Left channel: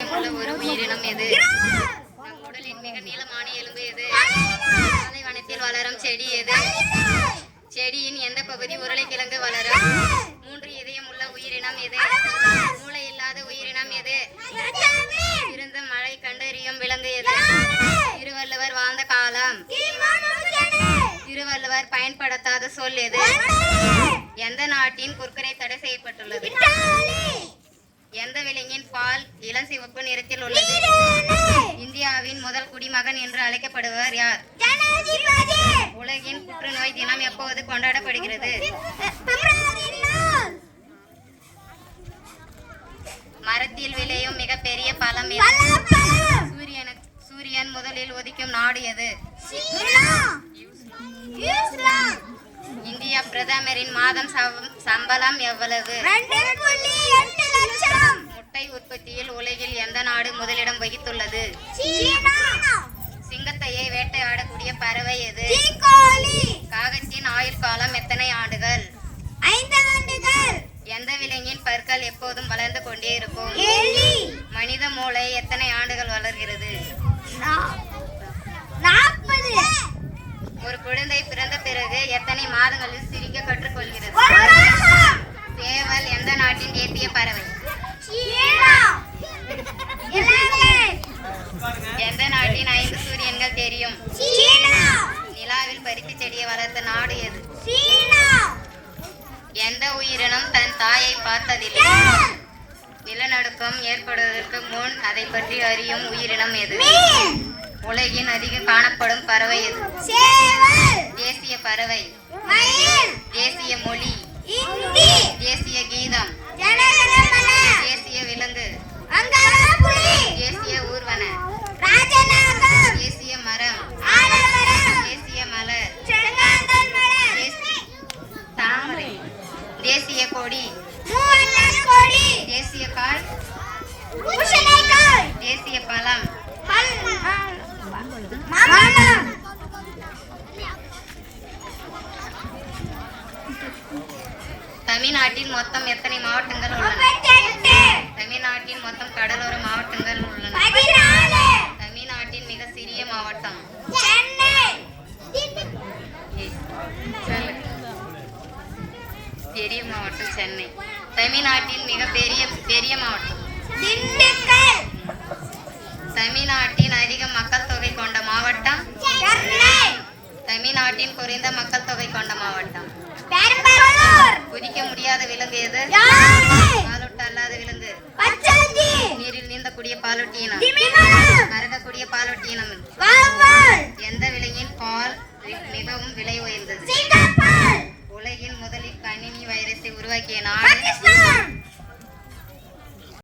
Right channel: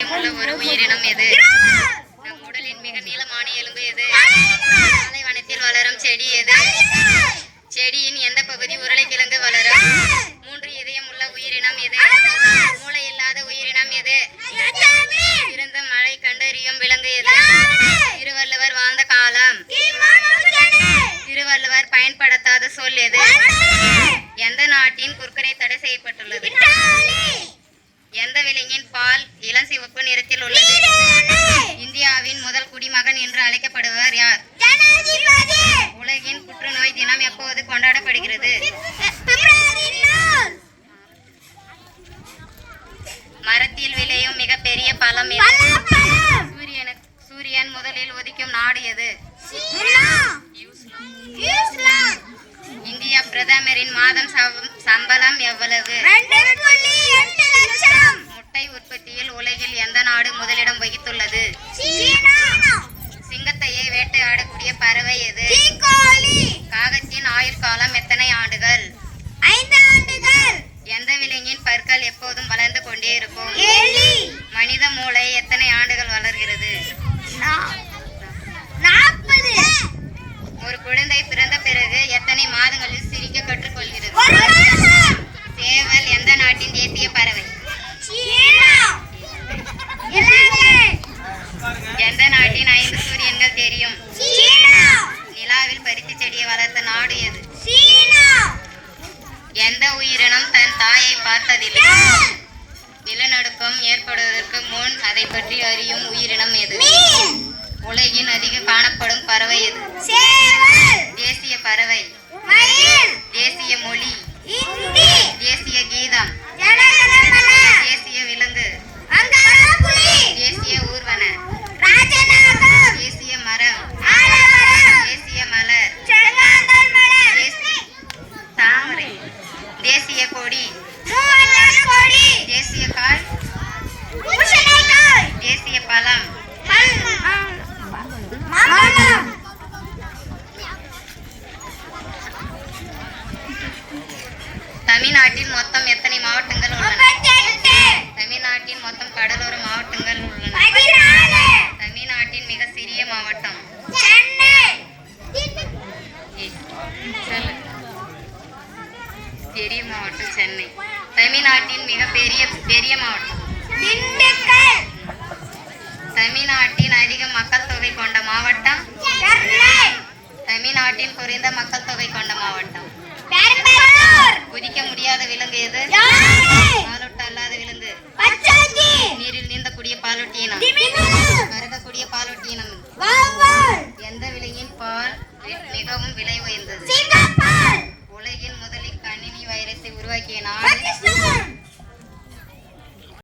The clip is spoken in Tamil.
ஒரு உயிரினம் எது? நம் உடலின் மிக நீளமான எலும்பு எது? பாலைவனத்தில் வளரும் செடி எது? செடியின் எந்த பகுதி உருளைக்கிழங்கு வளரும்? 3 இதயம் உள்ள உயிரினம் எது? மூளை இல்லாத உயிரினம் எது? சிறந்த மழை கண்டறியும் விலங்கு எது? திருவள்ளுவர் வாழ்ந்த காலம். திருவள்ளுவர் பயன்படுத்தாத சொல் எது? எந்த நாட்டின் குர்கரை தடை செய்யப்பட்டுள்ளது? எந்த விலங்கின் பால் இளஞ்சிவப்பு நிறத்தில் உள்ளது? இந்தியாவின் முதல் குடிமகன் என்று அழைக்கப்படுபவர் யார்? உலகின் புற்றுநோய் தினம் எப்போது கொண்டாடப்படுகிறது? மரத்தில் விளையும் மிகப்பெரிய பழம் எது? சூரியன் முதலில் உதிக்கும் நாடு எது? இந்திய பிரதமரின் மாதம் சம்பளம் எவ்வளவு? முட்டை உற்பத்தியில் உலகில் எந்த நாடு முதலிடம் வகித்துள்ளது? சிங்கத்தையே வேட்டையாடக்கூடிய பறவை எது? காகத்தின் ஆயுள் காலம் எத்தனை ஆண்டுகள்? 5 ஆண்டுகள். எந்த விலங்கின் பற்கள் எப்போதும் வளர்ந்து கொண்டே இருக்கும்? மனித மூளை எத்தனை ஆண்டுகள் வளர்கிறது? 40. ஒரு குழந்தை பிறந்த பிறகு எத்தனை மாதங்களில் சிரிக்க கற்றுக்கொள்கிறது? சேவல் எந்த நாட்டின் தேசிய பறவை? எந்த நாட்டின் 5 சூரியன்கள் தெரியும்? நிலாவில் பருத்தி செடியை வளர்த்த நாடு எது? எந்த உயிரினம் தன் தாயை பார்த்ததில்லை? நிலநடுக்கம் ஏற்படுவதற்கு முன் அதை பற்றி அறியும் உயிரினம் எது? உலகின் அதிக காணப்படும் பறவை எது? தேசிய பறவை, தேசிய மொழி, தேசிய கீதம், தேசிய விலங்கு, தேசிய ஊர்வன, தேசிய மரம், தேசிய மலர், தாமரை, தேசிய கொடி, தேசிய காய், தேசிய பழம். தமிழ்நாட்டில் மொத்தம் எத்தனை மாவட்டங்கள் உள்ளன? தமிழ்நாட்டின் மொத்தம் கடலோர மாவட்டங்கள் உள்ளன. தமிழ்நாட்டின் மிக சிறிய மாவட்டம்? பெரிய மாவட்டம் சென்னை. தமிழ்நாட்டின் மிக பெரிய மாவட்டம்? தமிழ்நாட்டின் அதிக மக்கள் தொகை கொண்ட மாவட்டம்? தமிழ்நாட்டின் குறைந்த மக்கள் தொகை கொண்ட மாவட்டம்? குதிக்க முடியாத விலங்கு எது? பாலூட்ட அல்லாத விலங்கு? நீரில் நீந்தக்கூடிய பாலூட்டியினம்? பறக்கக்கூடிய பாலூட்டியினம்? எந்த விலங்கின் பால் மிகவும் விலை உயர்ந்தது? உலகின் முதலில் கணினி வைரஸை உருவாக்கிய நாடு?